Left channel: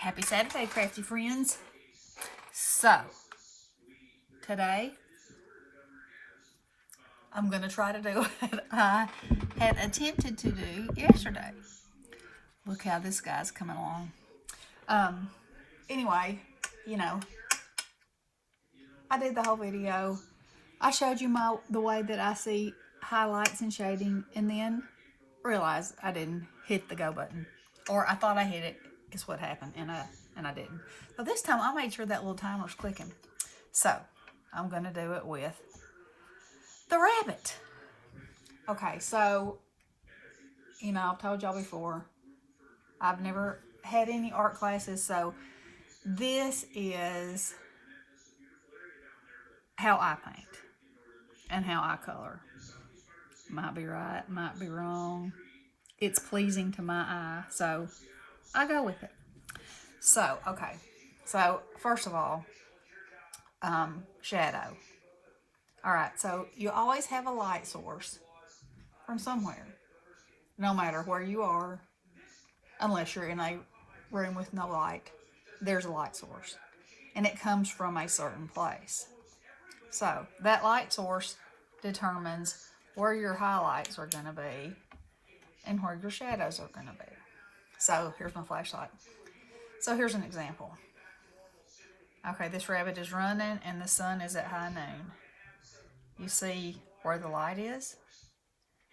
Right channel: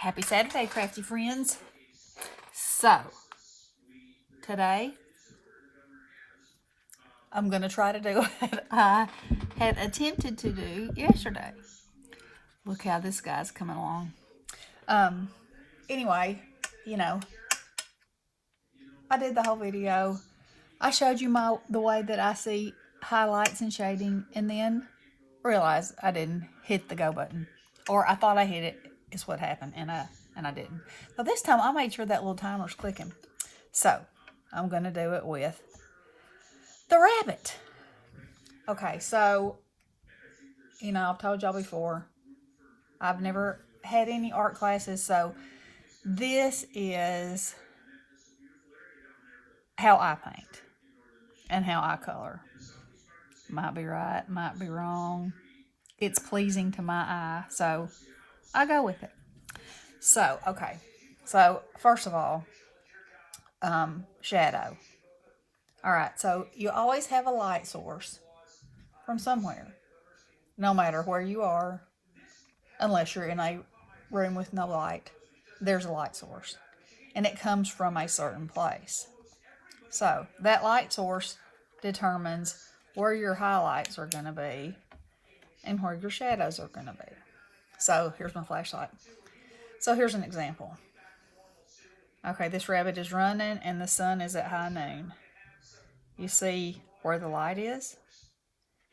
Happy Saturday, crafty friends. So, today I'm going to try to do what I had attempted to do yesterday. Look how this guy's coming along. Anyway, you know, I did the whole video. I showed you the way that I see highlights and shading, and then realized I didn't hit the go button, or I thought I hit it. Is what happened, and I didn't. So this time I made sure that little timer's clicking. So I'm gonna do it with the rabbit. Okay, so I've told y'all before, I've never had any art classes, so this is how I paint and how I color. Might be right, might be wrong. It's pleasing to my eye, so I go with it. So, okay. So, first of all, shadow. All right, so you always have a light source from somewhere, no matter where you are, unless you're in a room with no light, there's a light source. And it comes from a certain place. So that light source determines where your highlights are going to be and where your shadows are going to be. So here's my flashlight. So here's an example. Okay, this rabbit is running and the sun is at high noon. You see where the light is?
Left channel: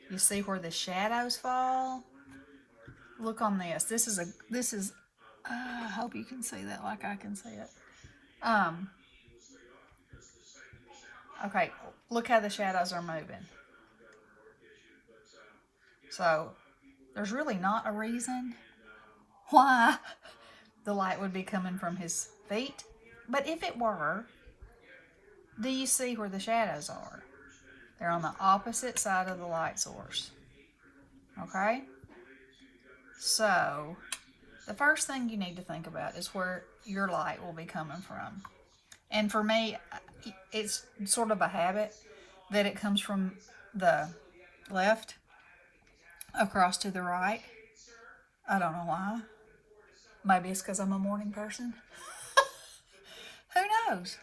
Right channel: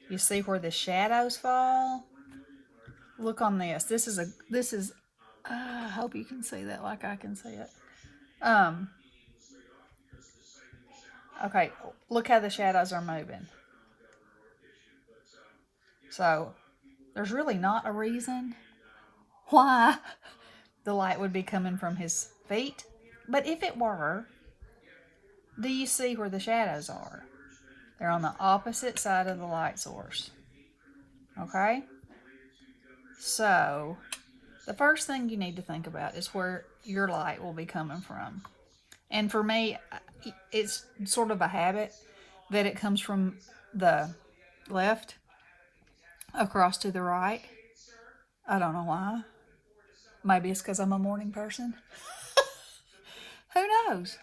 You see where the shadows fall? Look on this. I hope you can see that like I can see it. Okay, look how the shadows are moving. So, there's really not a reason why the light would be coming from his feet. But if it were, do you see where the shadows are? They're on the opposite side of the light source. Okay? So, the first thing you need to think about is where your light will be coming from. And for me, it's sort of a habit that it comes from the left across to the right. I don't know why. Maybe it's because I'm a morning person. Who knows?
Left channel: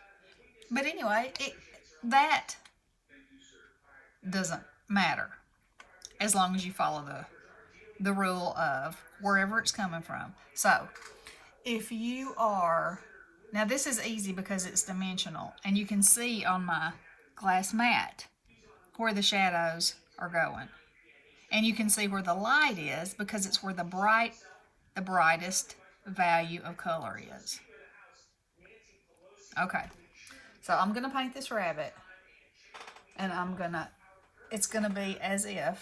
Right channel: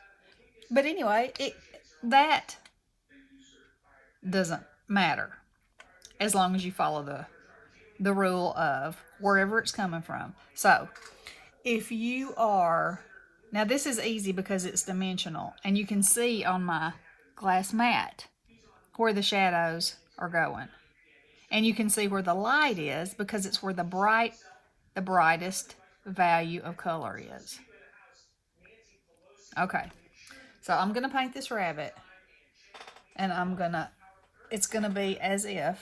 But anyway, that doesn't matter as long as you follow the rule of wherever it's coming from. So, if you are, now this is easy because it's dimensional, and you can see on my glass mat where the shadows are going. And you can see where the light is because it's where the brightest value of color is. Okay, so I'm going to paint this rabbit, and it's going to be as if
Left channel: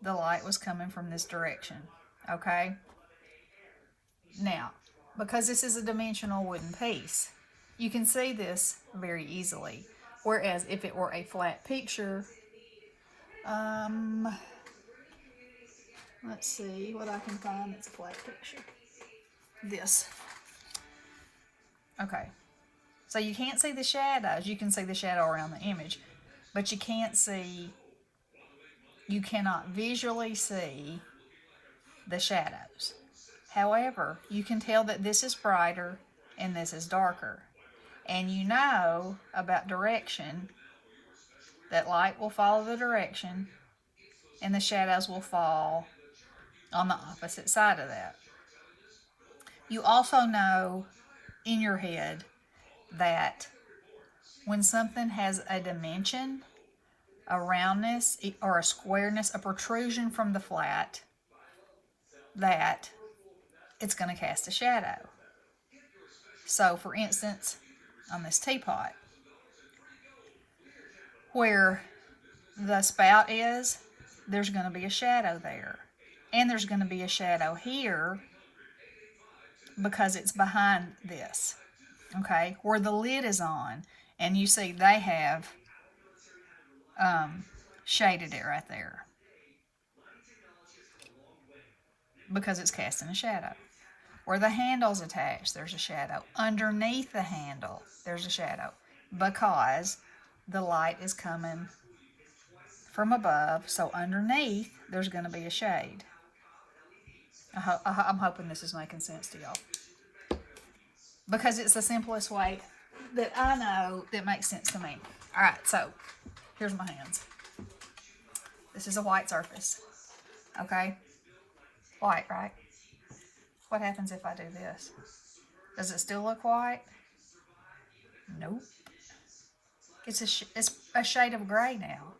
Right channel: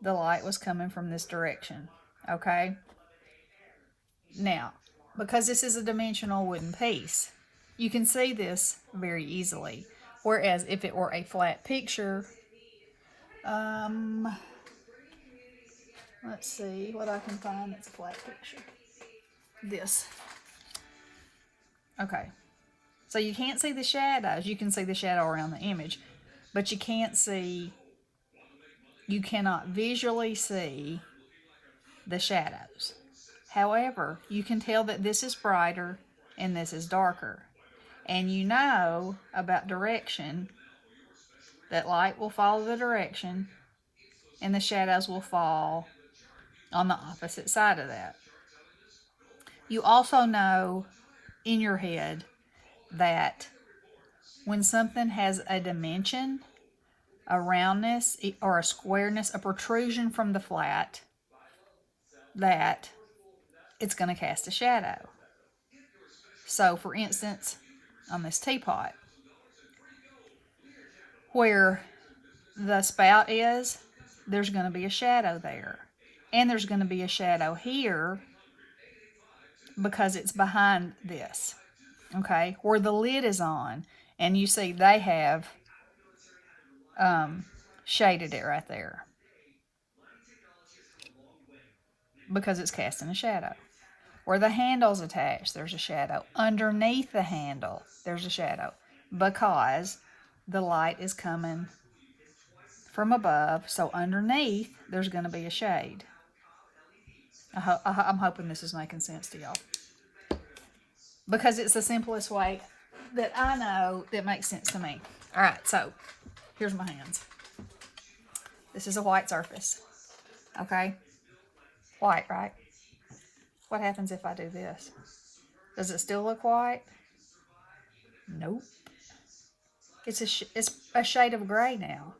the light was coming from this direction. Okay? Now, because this is a dimensional wooden piece, you can see this very easily. Whereas if it were a flat picture, let's see what I can find that's a flat picture. This. Okay. So you can't see the shadows. You can see the shadow around the image, but you cannot visually see the shadows. However, you can tell that this is brighter and this is darker. And you know about direction, that light will follow the direction and the shadows will fall on the opposite side of that. You also know in your head that when something has a dimension, a roundness, or a squareness, a protrusion from the flat, that it's going to cast a shadow. So, for instance, on this teapot, where the spout is, there's going to be a shadow there. And there's going to be a shadow here because it's behind this. Okay? Where the lid is on, and you see they have shaded it right there because it's casting a shadow. Where the handle's attached, there's a shadow. Underneath the handle, there's a shadow because the light is coming from above, so underneath there's going to be a shade. I'm hoping this is making sense to y'all. Because it's the simplest way that I know that makes sense to me. All right, so here's my hands. This is a white surface. Okay? White, right? What happens if I do this? Does it still look white? Nope. It's a shade of gray now.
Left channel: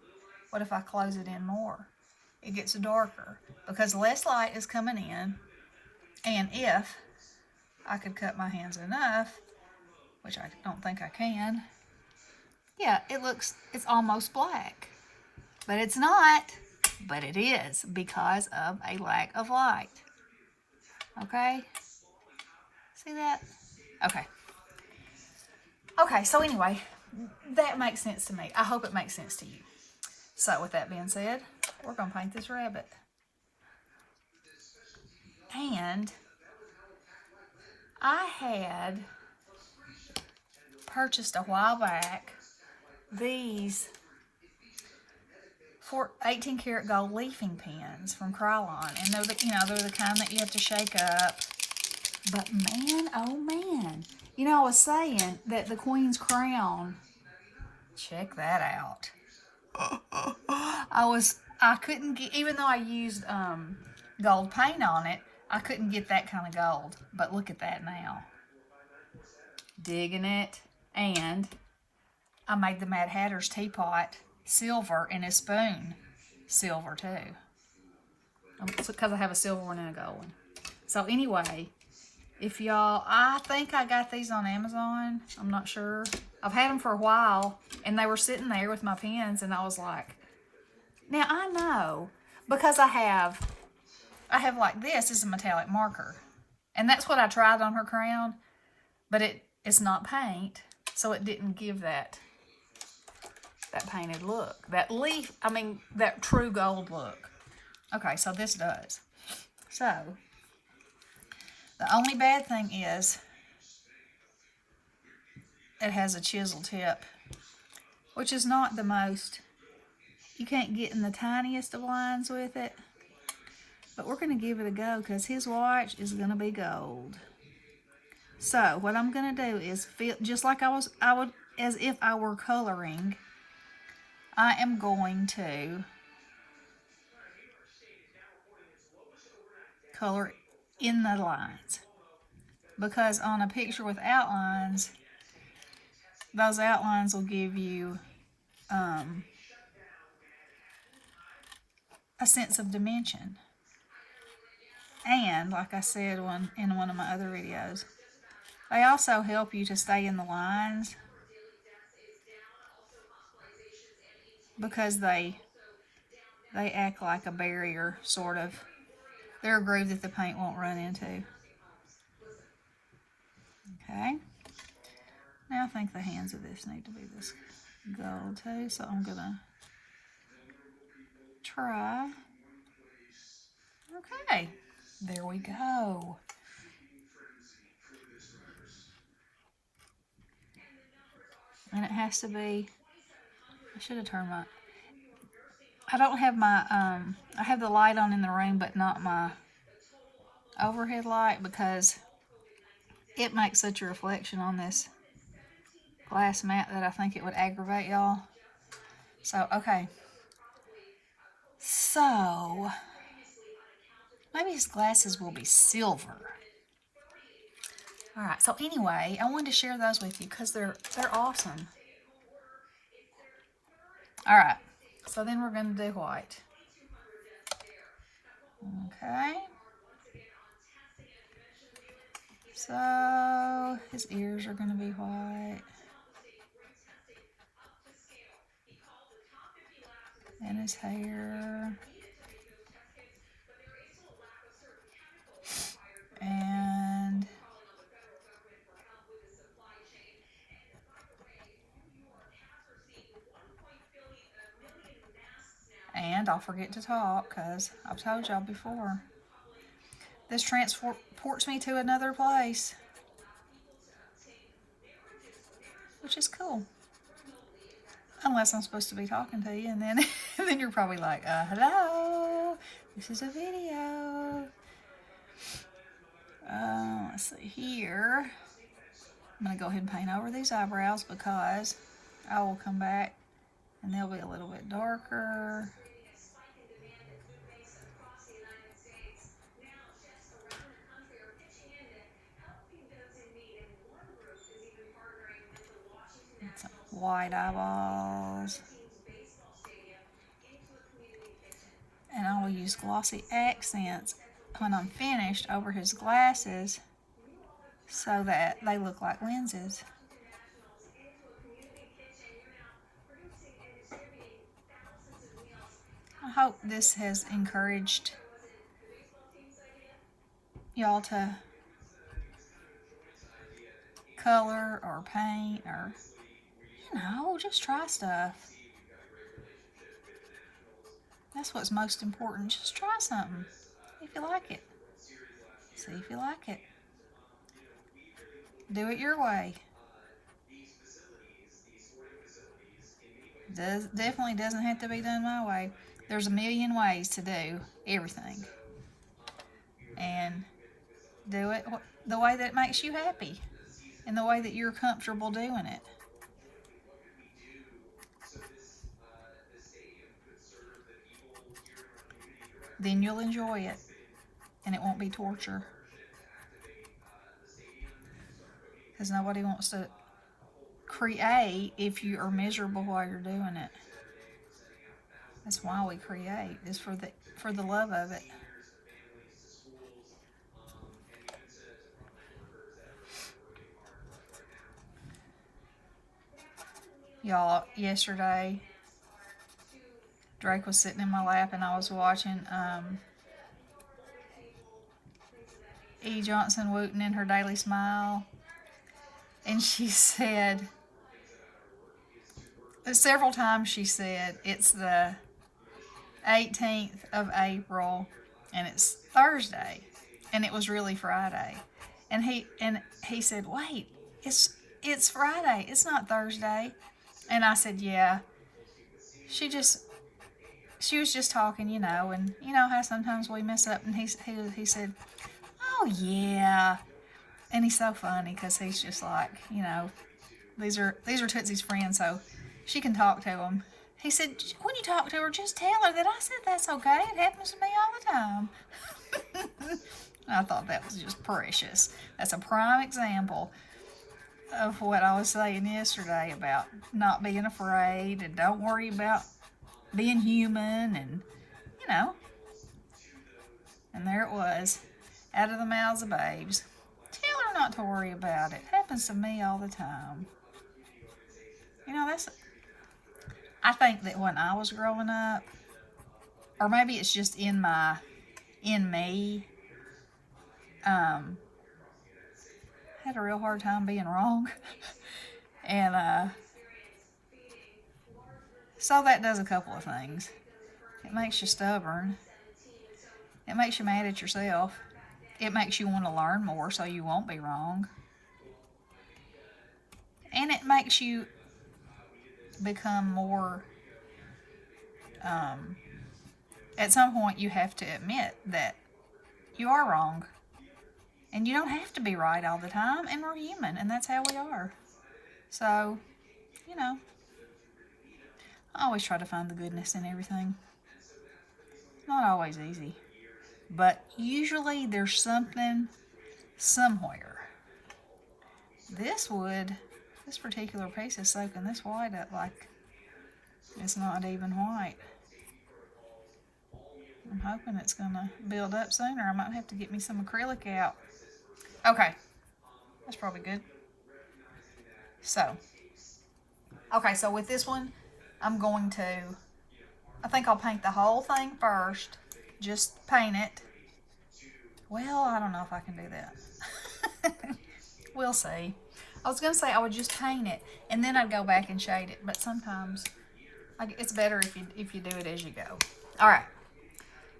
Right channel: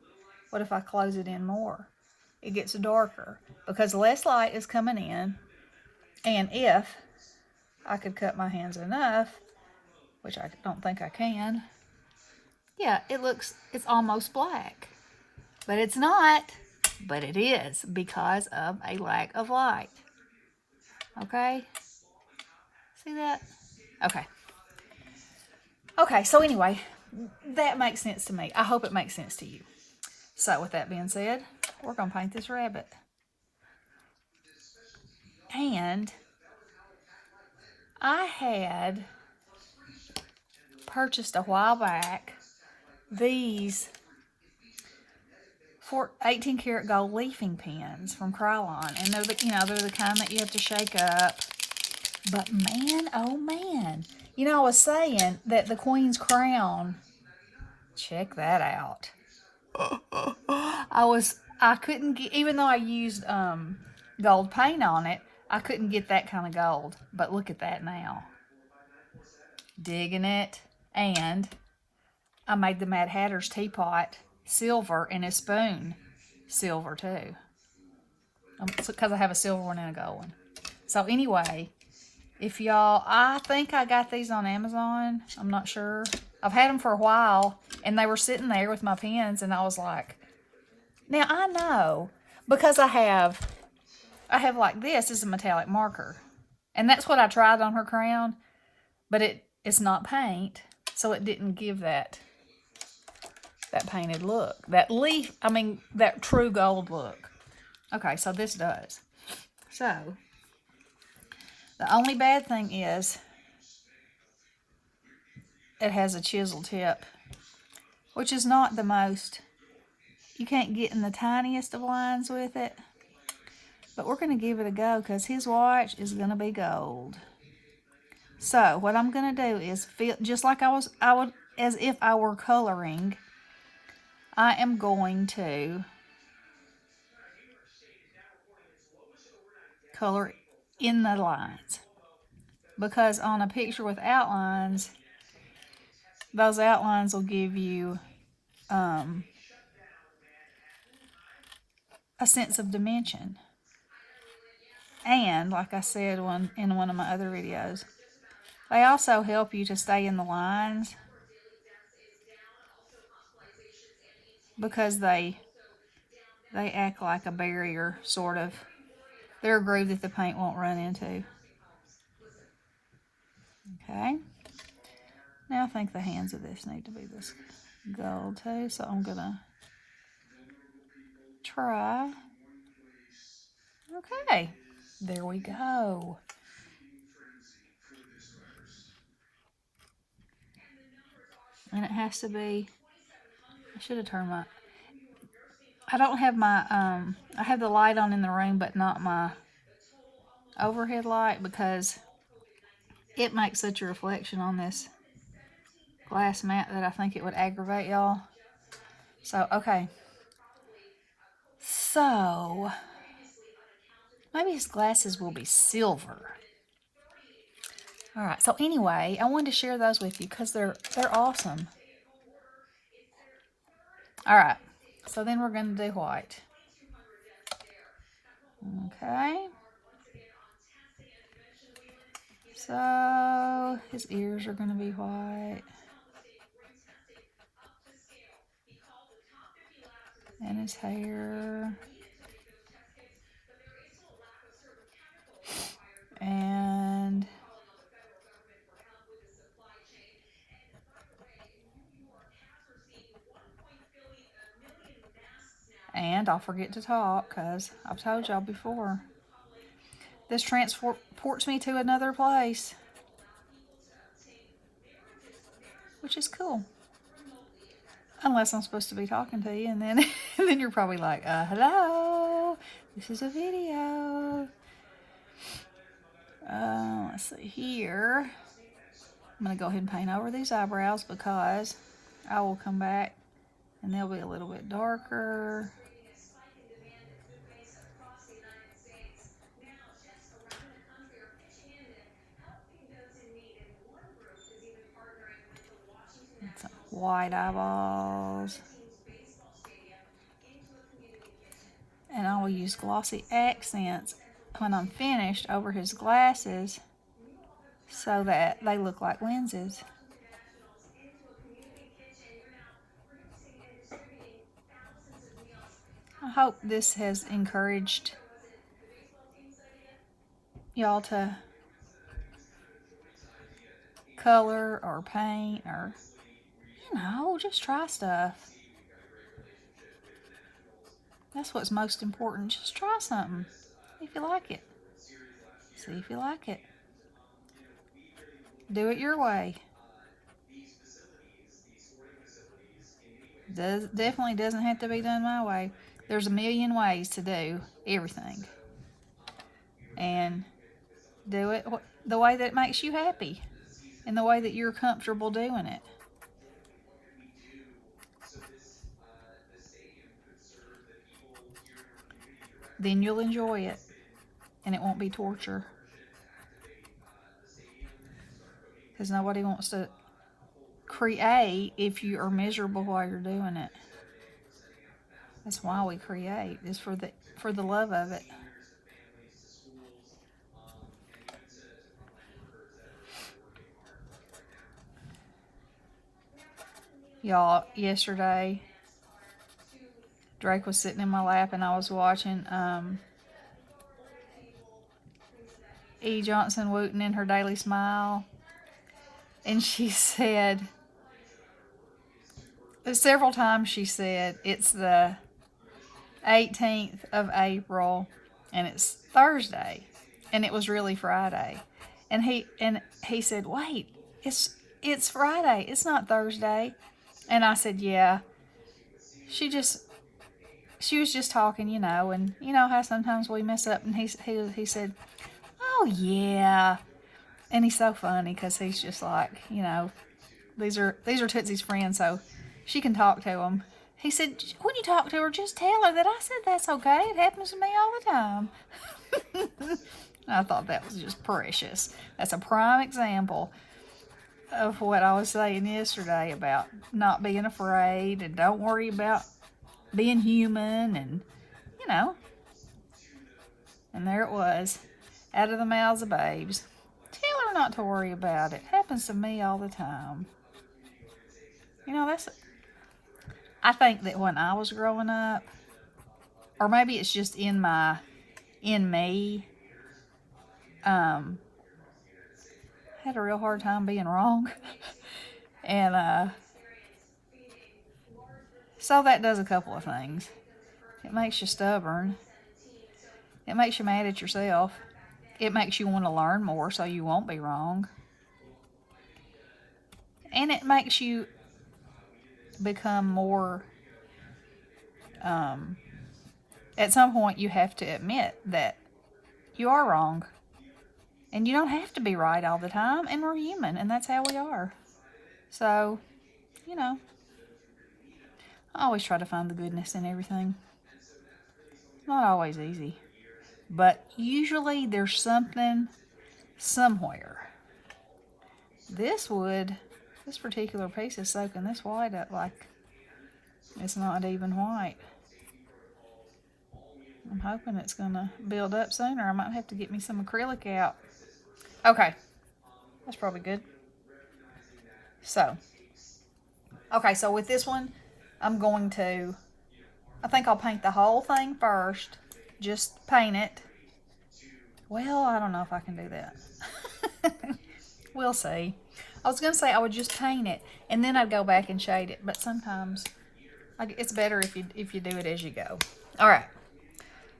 What if I close it in more? It gets darker because less light is coming in. And if I could cut my hands enough, which I don't think I can, yeah, it's almost black. But it's not, but it is because of a lack of light. Okay? See that? Okay. Okay, so anyway, that makes sense to me. I hope it makes sense to you. So with that being said, we're going to paint this rabbit. And I had purchased a while back these 18 karat gold leafing pens from Krylon, and they're the kind that you have to shake up. But man, oh man, I was saying that the Queen's Crown. Check that out. I couldn't get, even though I used gold paint on it, I couldn't get that kind of gold. But look at that now. Digging it. And I made the Mad Hatter's teapot silver and his spoon silver too. Because I have a silver one and a gold one. So anyway, if y'all, I think I got these on Amazon. I'm not sure. I've had them for a while, and they were sitting there with my pens, and I was like, now I know, because I have like this is a metallic marker, and that's what I tried on her crown, but it's not paint, so it didn't give that painted look, that true gold look. Okay, so this does. So the only bad thing is it has a chisel tip, which is not the most, you can't get in the tiniest of lines with it. But we're going to give it a go because his watch is going to be gold. So what I'm going to do is feel just like I would, as if I were coloring. I am going to color in the lines, because on a picture with outlines, those outlines will give you a sense of dimension. And like I said in one of my other videos, they also help you to stay in the lines because they act like a barrier, sort of. They're a groove that the paint won't run into. Okay. Now I think the hands of this need to be this gold too, so I'm going to try. Okay. There we go. And it has to be, I should have turned my, I don't have my, I have the light on in the room, but not my overhead light, because it makes such a reflection on this glass mat that I think it would aggravate y'all. So, okay. So, maybe his glasses will be silver. Alright, so anyway, I wanted to share those with you because they're awesome. Alright, so then we're going to do white. Okay. So, his ears are going to be white. And his hair. And I'll forget to talk because I've told y'all before. This transports me to another place, which is cool. Unless I'm supposed to be talking to you, and then you're probably like, hello, this is a video. Let's see here. I'm going to go ahead and paint over these eyebrows because I will come back and they'll be a little bit darker. And some white eyeballs. And I will use glossy accents when I'm finished over his glasses so that they look like lenses. I hope this has encouraged y'all to color or paint or, just try stuff. That's what's most important. Just try something if you like it. See if you like it. Do it your way. Definitely doesn't have to be done my way. There's a million ways to do everything. And do it the way that makes you happy and the way that you're comfortable doing it. Then you'll enjoy it and it won't be torture. Because nobody wants to create if you are miserable while you're doing it. That's why we create, is for the love of it. Y'all, yesterday, Drake was sitting in my lap and I was watching E. Johnson Wooten in her Daily Smile. And she said, several times she said, it's the 18th of April and it's Thursday. And it was really Friday. And he said, wait, it's Friday. It's not Thursday. And I said, yeah. She was just talking, and you know how sometimes we mess up. And he said, oh yeah. And he's so funny because he's just like, these are Tootsie's friends, so she can talk to him. He said, when you talk to her, just tell her that I said that's okay. It happens to me all the time. I thought that was just precious. That's a prime example of what I was saying yesterday about not being afraid and don't worry about being human and, And there it was, out of the mouths of babes. Tell her not to worry about it. Happens to me all the time. I think that when I was growing up, or maybe it's just in me, had a real hard time being wrong. And so that does a couple of things. It makes you stubborn. It makes you mad at yourself. It makes you want to learn more so you won't be wrong. And it makes you become more, at some point you have to admit that you are wrong. And you don't have to be right all the time, and we're human, and that's how we are. So, I always try to find the goodness in everything. Not always easy, but usually there's something somewhere. This particular piece is soaking this white up like it's not even white. I'm hoping it's going to build up sooner. I might have to get me some acrylic out. Okay, that's probably good. So with this one, I think I'll paint the whole thing first. Just paint it. Well, I don't know if I can do that. We'll see. I was going to say I would just paint it, and then I'd go back and shade it. But sometimes it's better if you do it as you go. All right.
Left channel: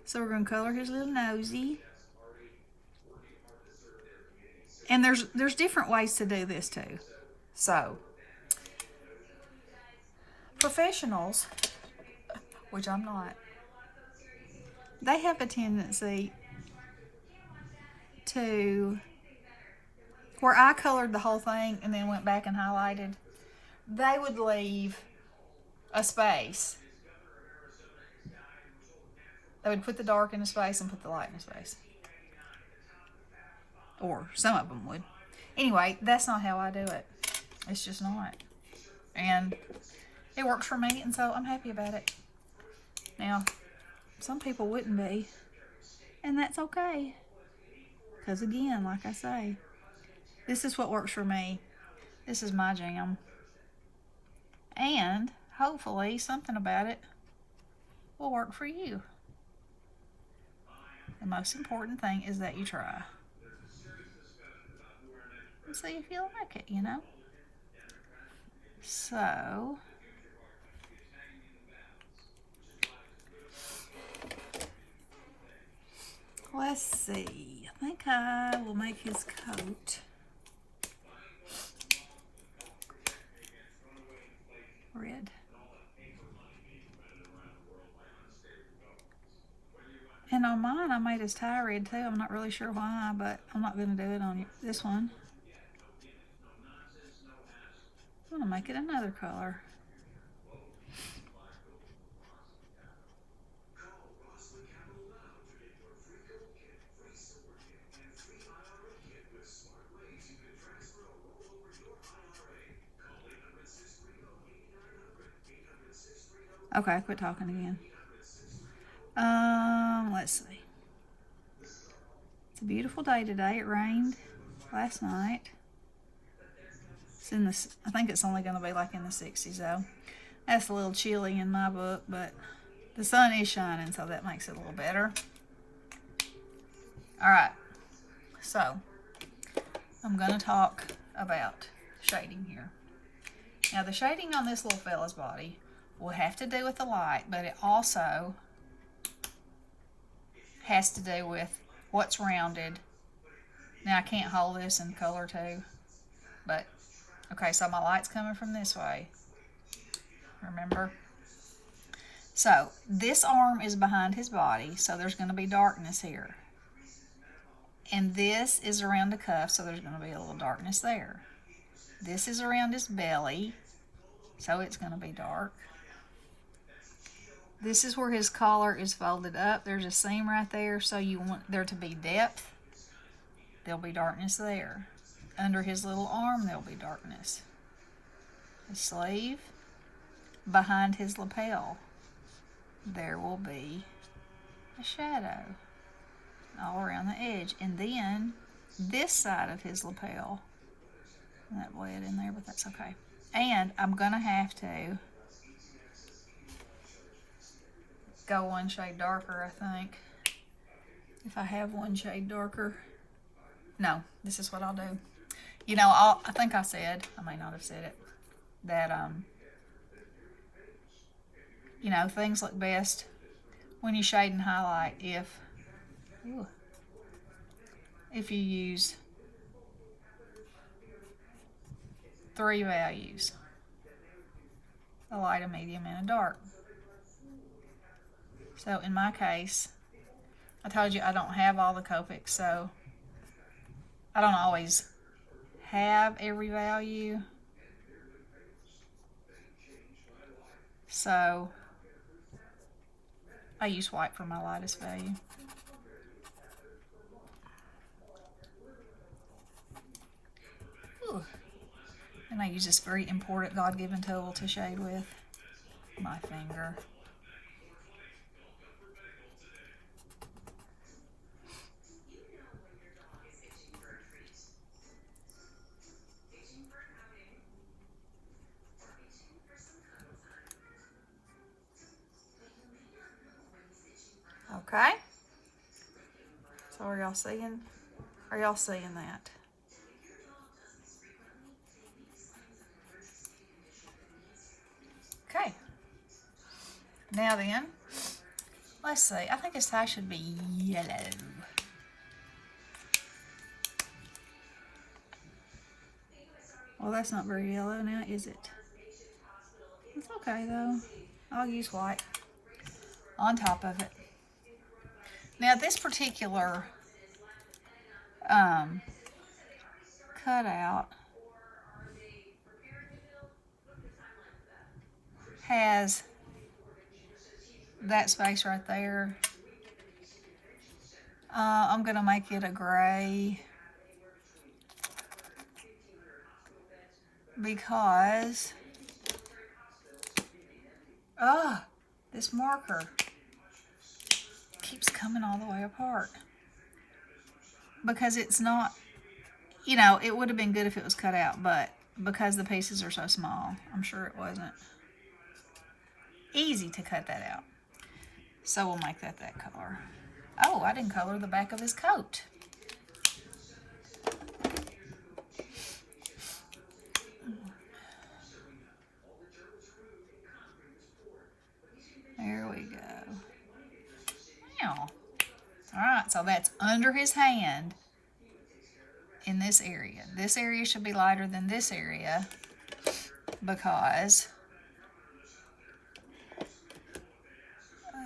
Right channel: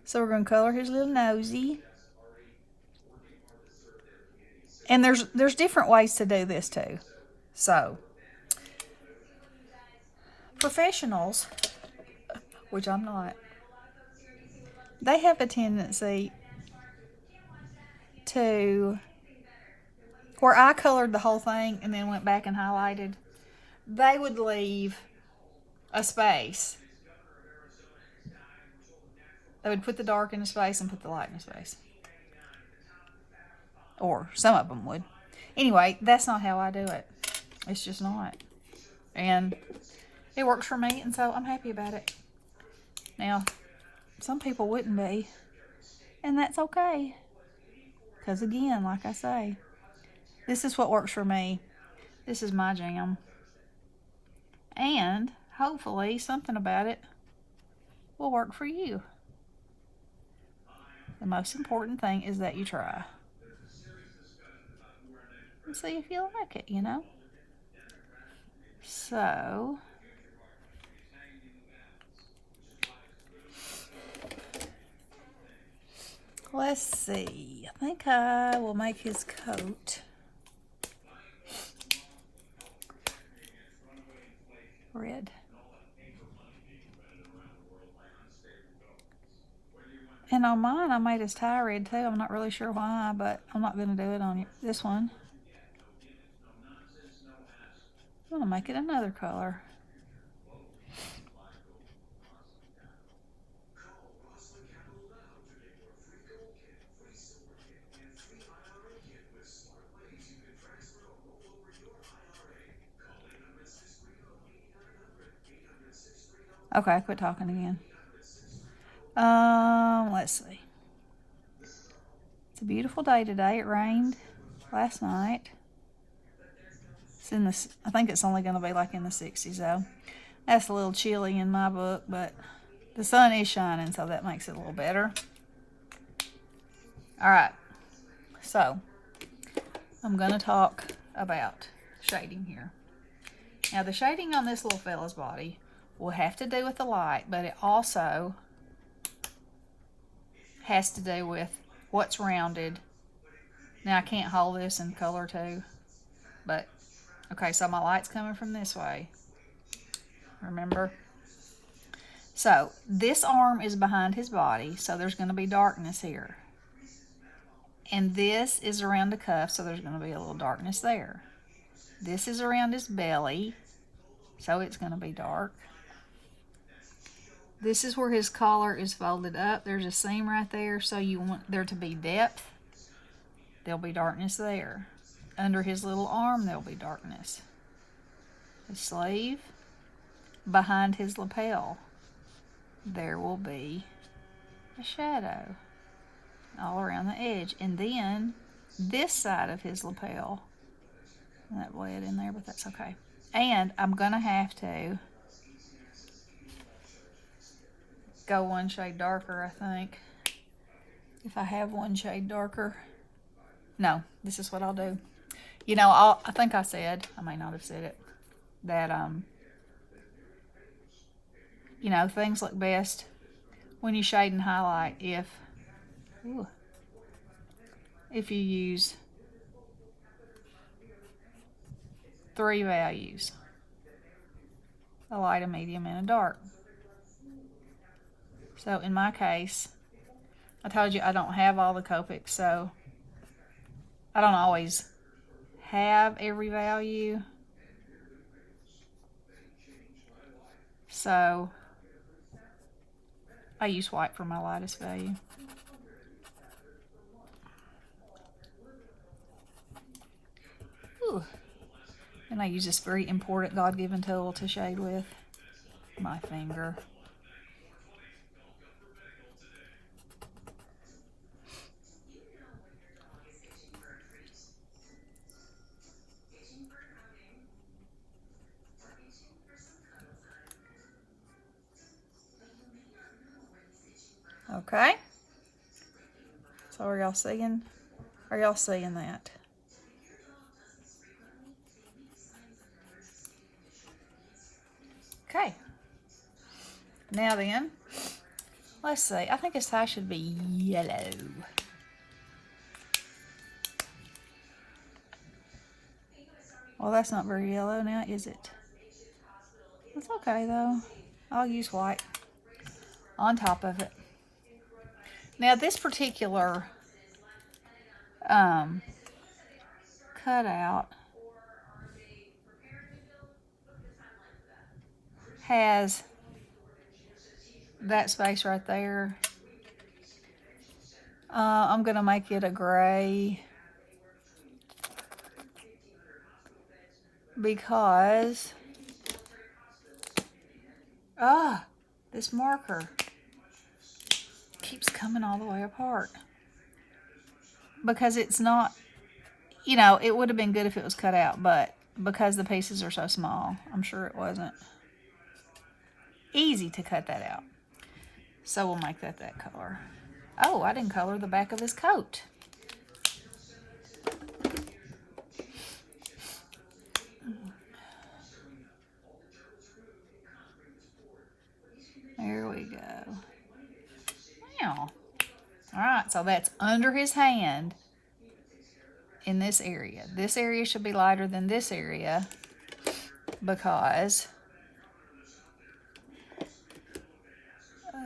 So we're going to color his little nosy. And there's different ways to do this too. So, professionals, which I'm not, they have a tendency to where I colored the whole thing and then went back and highlighted, they would leave a space. They would put the dark in a space and put the light in a space. Or some of them would. Anyway, that's not how I do it. It's just not. And it works for me, and so I'm happy about it. Now, some people wouldn't be. And that's okay. Because again, like I say, this is what works for me. This is my jam. And hopefully something about it will work for you. The most important thing is that you try. And see if you like it, you know? So, let's see. I think I will make his coat red. And on mine, I made his tie red too. I'm not really sure why, but I'm not going to do it on this one. I'm going to make it another color. Okay, quit talking again. Let's see. It's a beautiful day today. It rained last night. It's in the, I think it's only going to be like in the 60s though. That's a little chilly in my book, but the sun is shining, so that makes it a little better. All right, so I'm going to talk about shading here. Now, the shading on this little fella's body will have to do with the light, but it also has to do with what's rounded. Now, I can't hold this in color too, but okay, so my light's coming from this way. Remember? So, this arm is behind his body, so there's going to be darkness here. And this is around the cuff, so there's going to be a little darkness there. This is around his belly, so it's going to be dark. This is where his collar is folded up. There's a seam right there, so you want there to be depth. There'll be darkness there. Under his little arm, there'll be darkness. The sleeve, behind his lapel, there will be a shadow all around the edge. And then this side of his lapel, that bled in there, but that's okay. And I'm going to have to go one shade darker, I think. If I have one shade darker. No, this is what I'll do. You know, I think I said, I may not have said it, that, you know, things look best when you shade and highlight if you use 3 values. A light, a medium, and a dark. So in my case, I told you I don't have all the Copics, so I don't always have every value. So I use white for my lightest value. Ooh. And I use this very important God-given tool to shade with, my finger. Okay. So are y'all seeing? Are y'all seeing that? Okay. Now then, let's see. I think his tie should be yellow. Well, that's not very yellow now, is it? It's okay, though. I'll use white on top of it. Now, this particular cutout has that space right there. I'm going to make it a gray because this marker keeps coming all the way apart. Because it's not, you know, it would have been good if it was cut out, but because the pieces are so small, I'm sure it wasn't easy to cut that out. So we'll make that color. Oh, I didn't color the back of his coat. There we go. Now, all right, so that's under his hand in this area. This area should be lighter than this area because I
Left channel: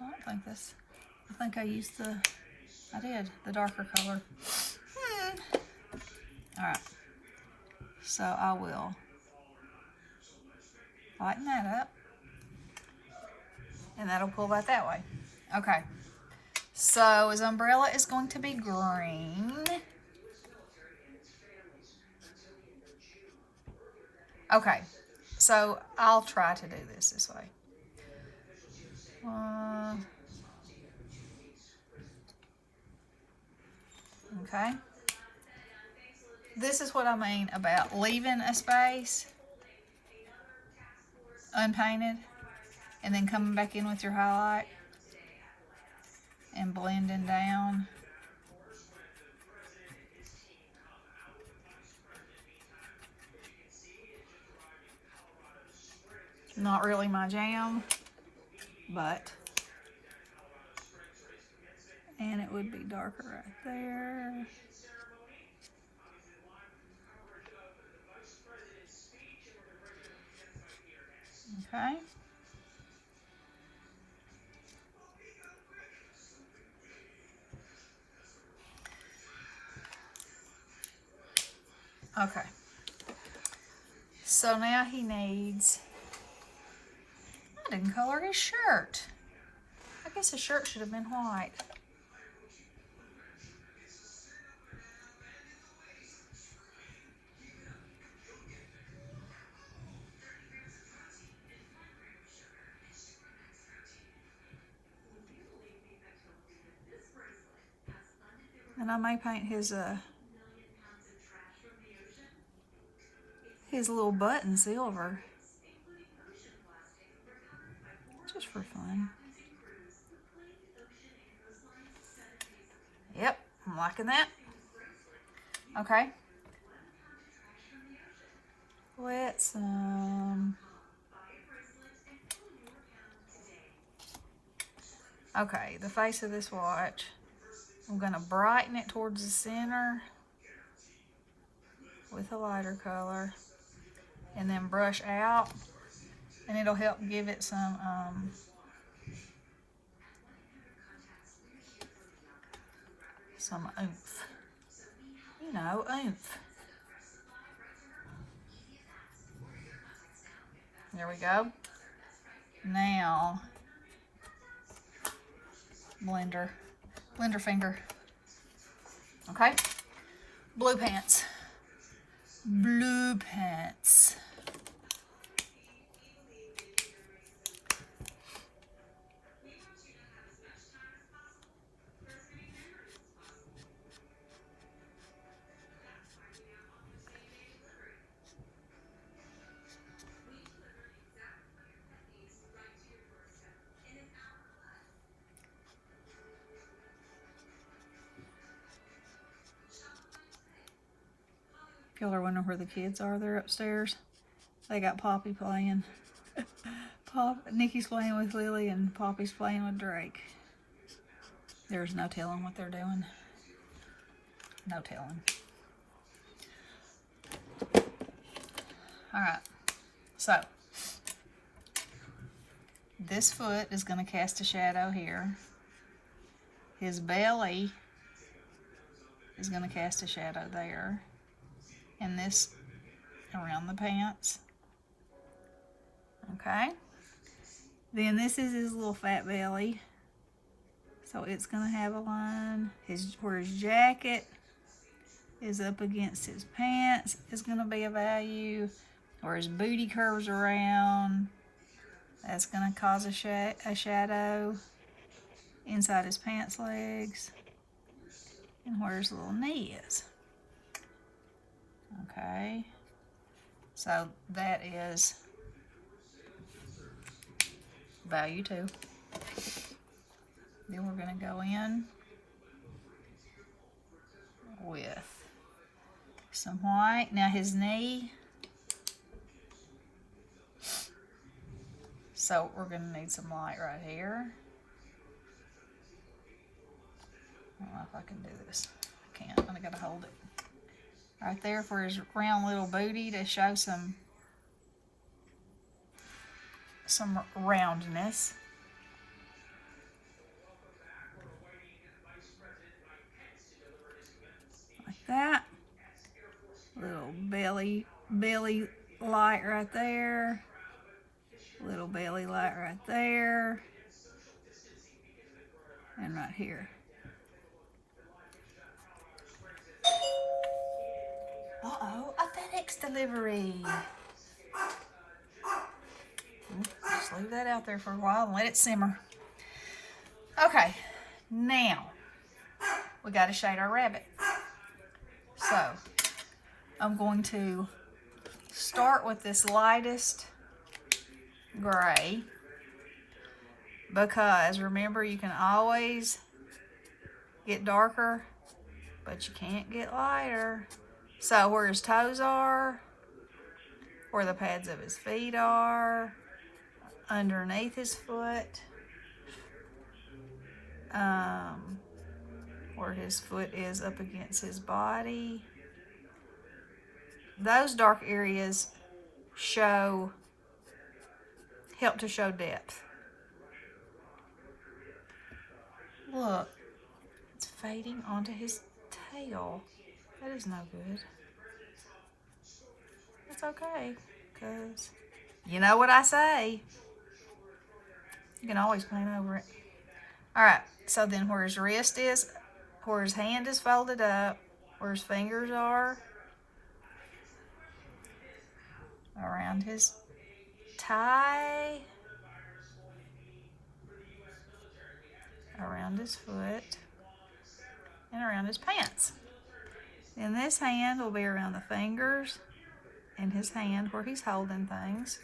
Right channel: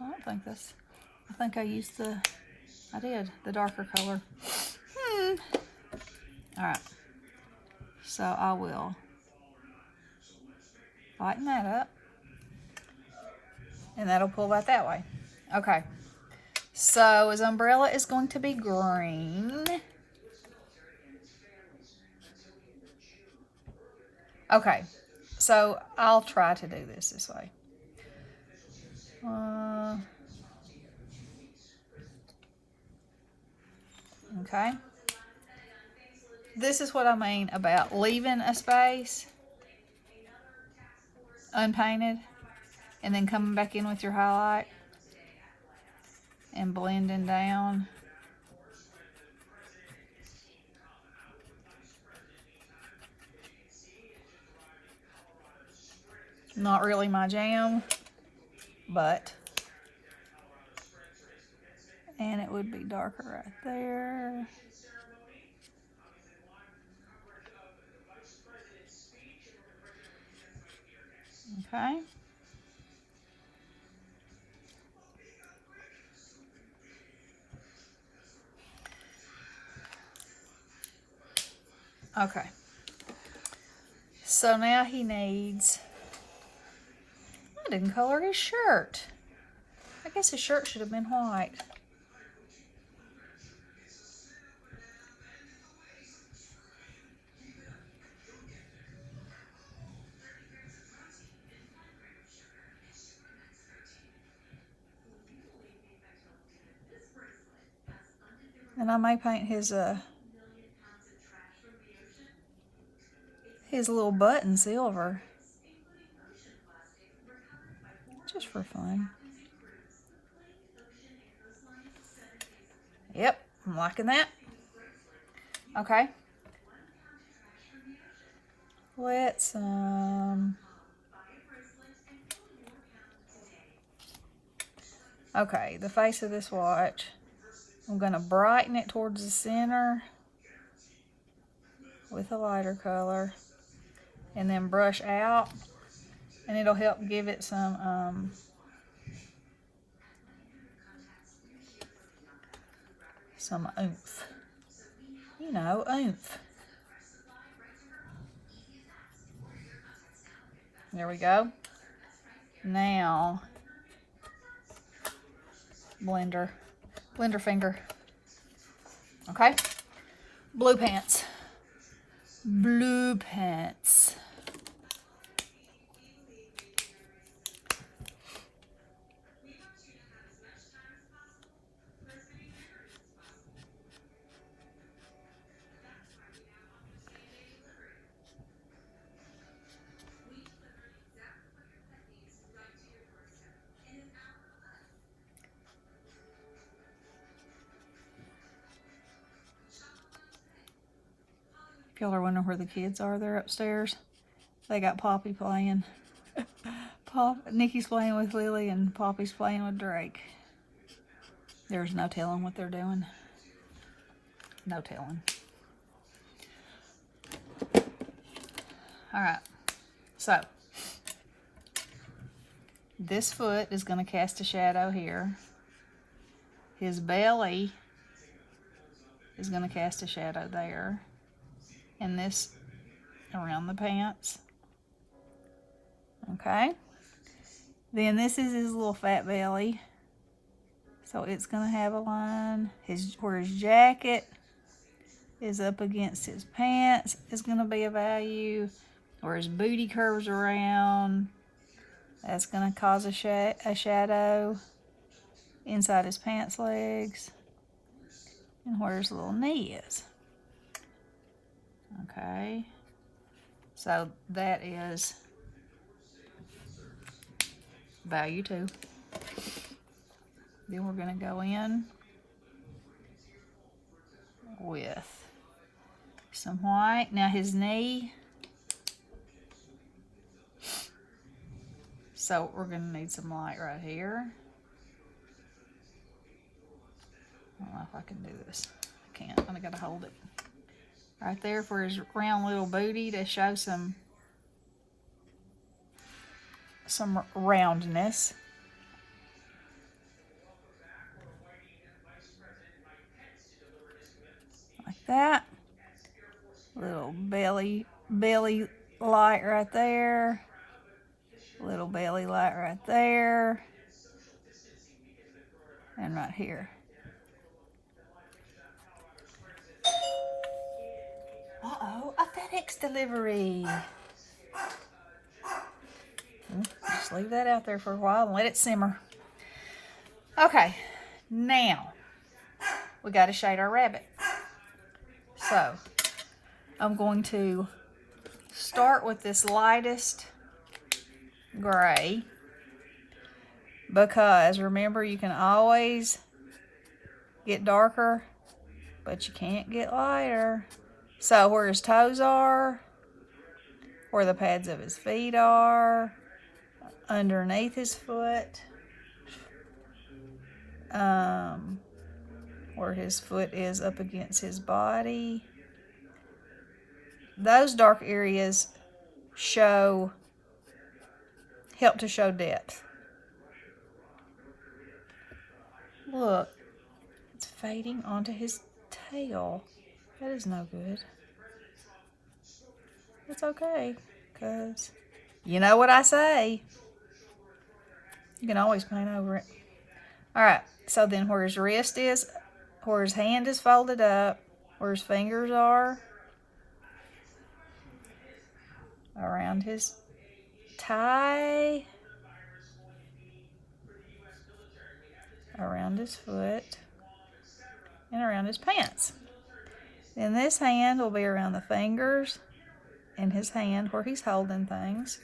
don't think this, I think I used I did the darker color. All right, so I will lighten that up, and that'll pull that way. Okay, so his umbrella is going to be green. Okay, so I'll try to do this way. Okay. This is what I mean about leaving a space unpainted and then coming back in with your highlight and blending down. Not really my jam, but, and it would be darker right there. Okay. Okay. So now he needs, I didn't color his shirt. I guess his shirt should have been white. And I may paint his little button silver, just for fun. Yep, I'm liking that. Okay. Let's okay, the face of this watch, I'm gonna brighten it towards the center with a lighter color and then brush out, and it'll help give it some oomph. You know, oomph. There we go. Now, blender finger. Okay, blue pants. Blue pants. If y'all are wondering where the kids are, they're upstairs. They got Poppy playing. Nikki's playing with Lily and Poppy's playing with Drake. There's no telling what they're doing. No telling. Alright. So, this foot is going to cast a shadow here. His belly is going to cast a shadow there. And this around the pants. Okay. Then this is his little fat belly. So it's going to have a line. Where his jacket is up against his pants is going to be a value. Where his booty curves around, that's going to cause a shadow inside his pants legs. And where his little knee is. Okay. So that is value 2. Then we're going to go in with some white. Now his knee. So we're going to need some light right here. I don't know if I can do this. I can't. I got to hold it. Right there for his round little booty to show some roundness. Like that. Little belly light right there. Little belly light right there. And right here. Uh-oh, a FedEx delivery. Just leave that out there for a while and let it simmer. Okay, now we got to shade our rabbit. So I'm going to start with this lightest gray, because remember, you can always get darker, but you can't get lighter. So where his toes are, where the pads of his feet are, underneath his foot, where his foot is up against his body, those dark areas help to show depth. Look, it's fading onto his tail. That is no good. It's okay, because you know what I say. You can always paint over it. Alright, so then where his wrist is, where his hand is folded up, where his fingers are, around his tie, around his foot, and around his pants. Then this hand will be around the fingers and his hand where he's holding things.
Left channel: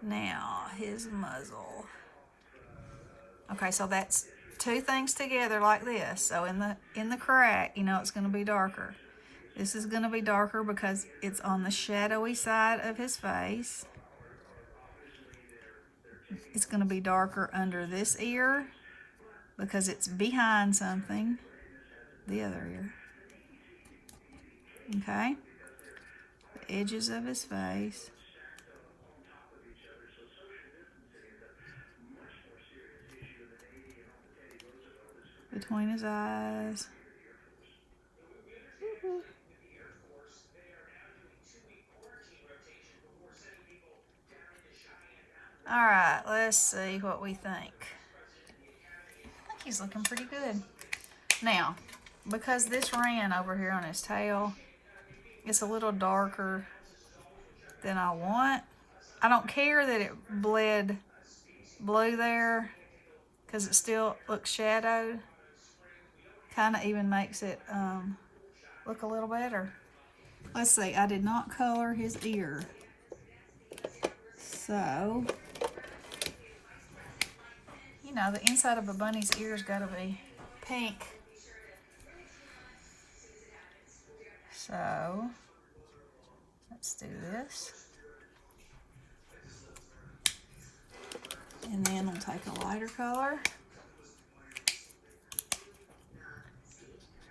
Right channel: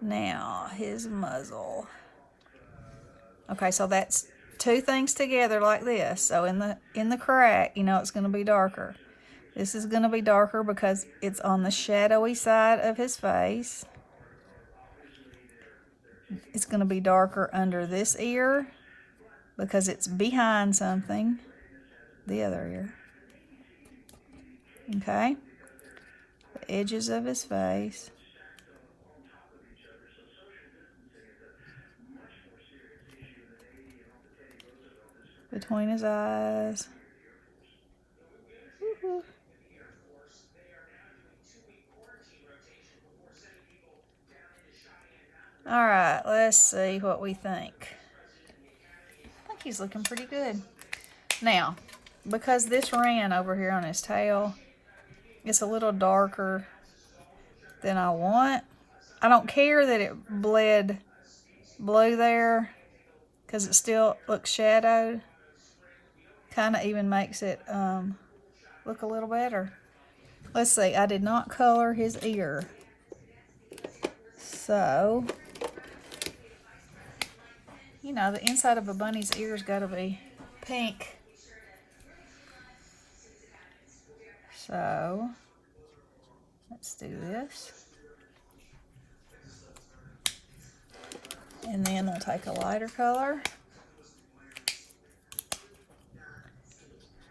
Now, his muzzle. Okay, so that's 2 things together like this. So in the crack, you know it's going to be darker. This is going to be darker because it's on the shadowy side of his face. It's going to be darker under this ear because it's behind something. The other ear. Okay? The edges of his face. Between his eyes. Alright, let's see what we think. I think he's looking pretty good. Now, because this ran over here on his tail, it's a little darker than I want. I don't care that it bled blue there, because it still looks shadowed. Kind of even makes it look a little better. Let's see, I did not color his ear. So, you know, the inside of a bunny's ear's got to be pink. So, let's do this. And then we'll take a lighter color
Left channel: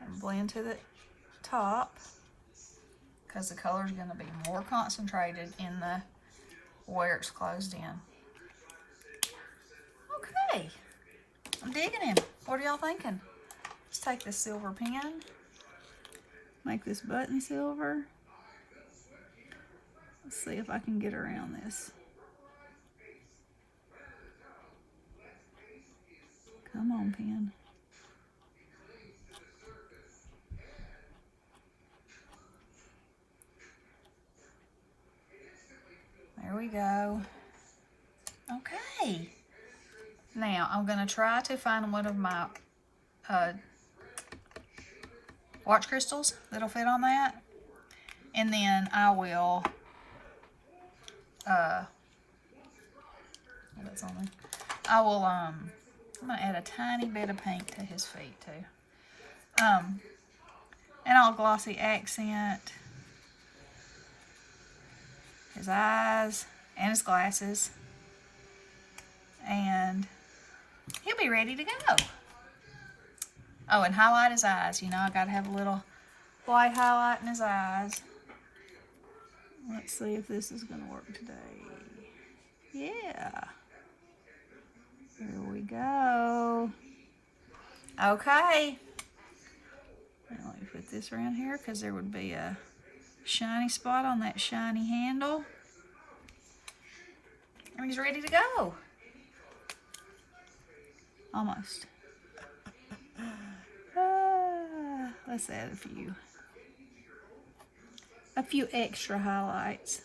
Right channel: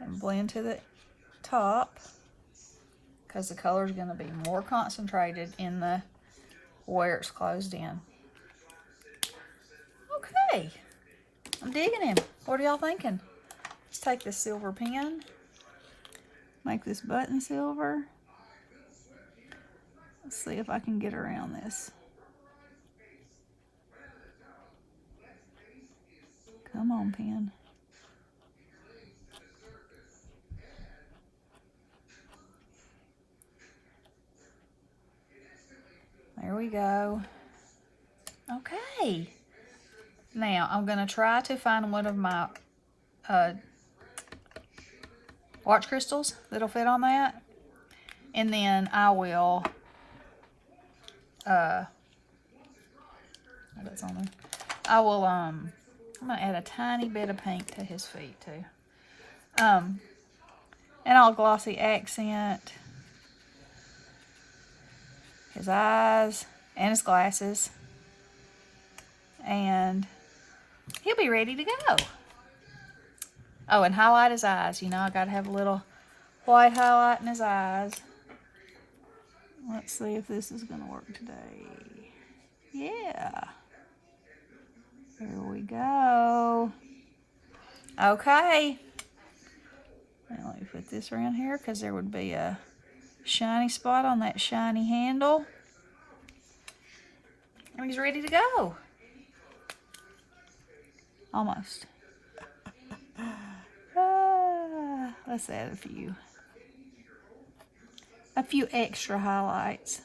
and blend to the top, because the color is going to be more concentrated in the where it's closed in. Okay, I'm digging him. What are y'all thinking? Let's take this silver pen. Make this button silver. Let's see if I can get around this. Come on, pen. There we go. Okay. Now, I'm going to try to find one of my watch crystals that'll fit on that. And then I will... that's on there. I will, I'm going to add a tiny bit of pink to his feet, too. And I'll glossy accent his eyes and his glasses. And he'll be ready to go. Oh, and highlight his eyes. You know, I got to have a little white highlight in his eyes. Let's see if this is going to work today. Yeah. Here we go. Okay. Now let me put this around here because there would be a shiny spot on that shiny handle. And he's ready to go. Almost. Let's add a few extra highlights.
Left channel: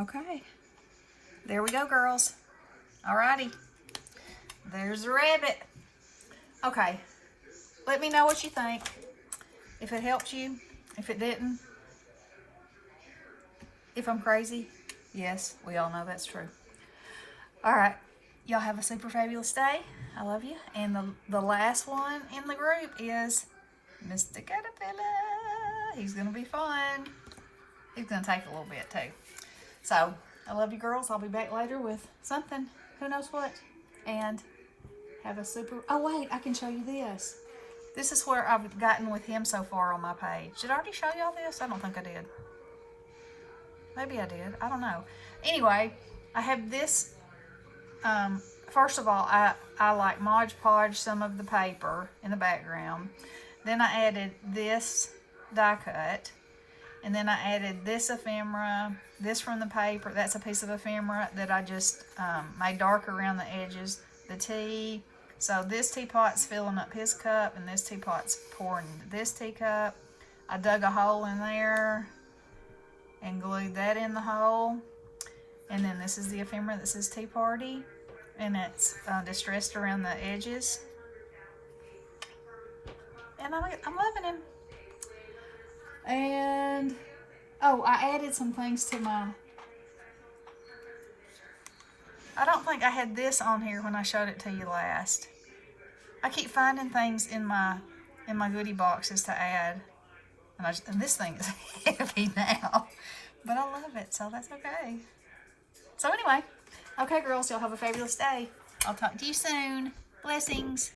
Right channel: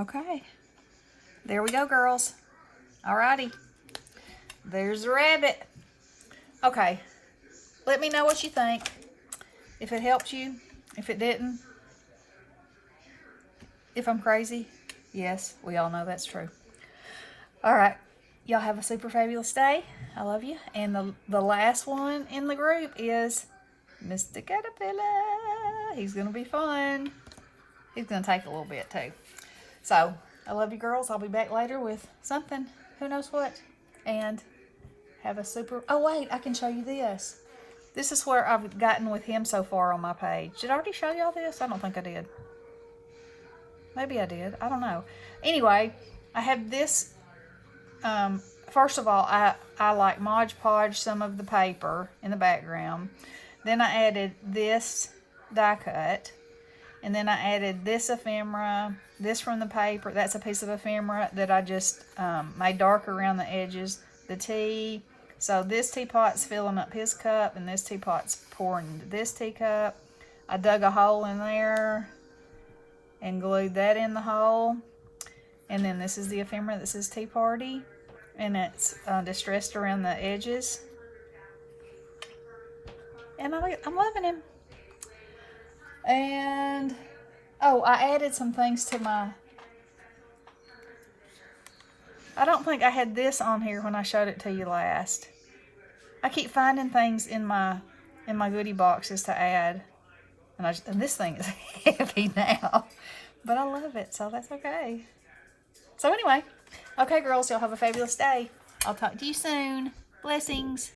Okay. There we go, girls. Alrighty. There's the rabbit. Okay. Let me know what you think. If it helped you. If it didn't. If I'm crazy. Yes, we all know that's true. Alright. Y'all have a super fabulous day. I love you. And the last one in the group is Mr. Caterpillar. He's going to be fun. He's going to take a little bit too. So, I love you girls. I'll be back later with something. Who knows what. And have a super... Oh, wait. I can show you this. This is where I've gotten with him so far on my page. Did I already show y'all this? I don't think I did. Maybe I did. I don't know. Anyway, I have this... first of all, I like Mod Podge some of the paper in the background. Then I added this die cut. And then I added this ephemera, this from the paper. That's a piece of ephemera that I just made darker around the edges. The tea. So this teapot's filling up his cup, and this teapot's pouring into this teacup. I dug a hole in there and glued that in the hole. And then this is the ephemera that says Tea Party. And it's distressed around the edges. And I'm loving him. And, oh, I added some things to my... I don't think I had this on here when I showed it to you last. I keep finding things in my goodie boxes to add. And this thing is heavy now. But I love it, so that's okay. So anyway, okay, girls, y'all have a fabulous day. I'll talk to you soon. Blessings.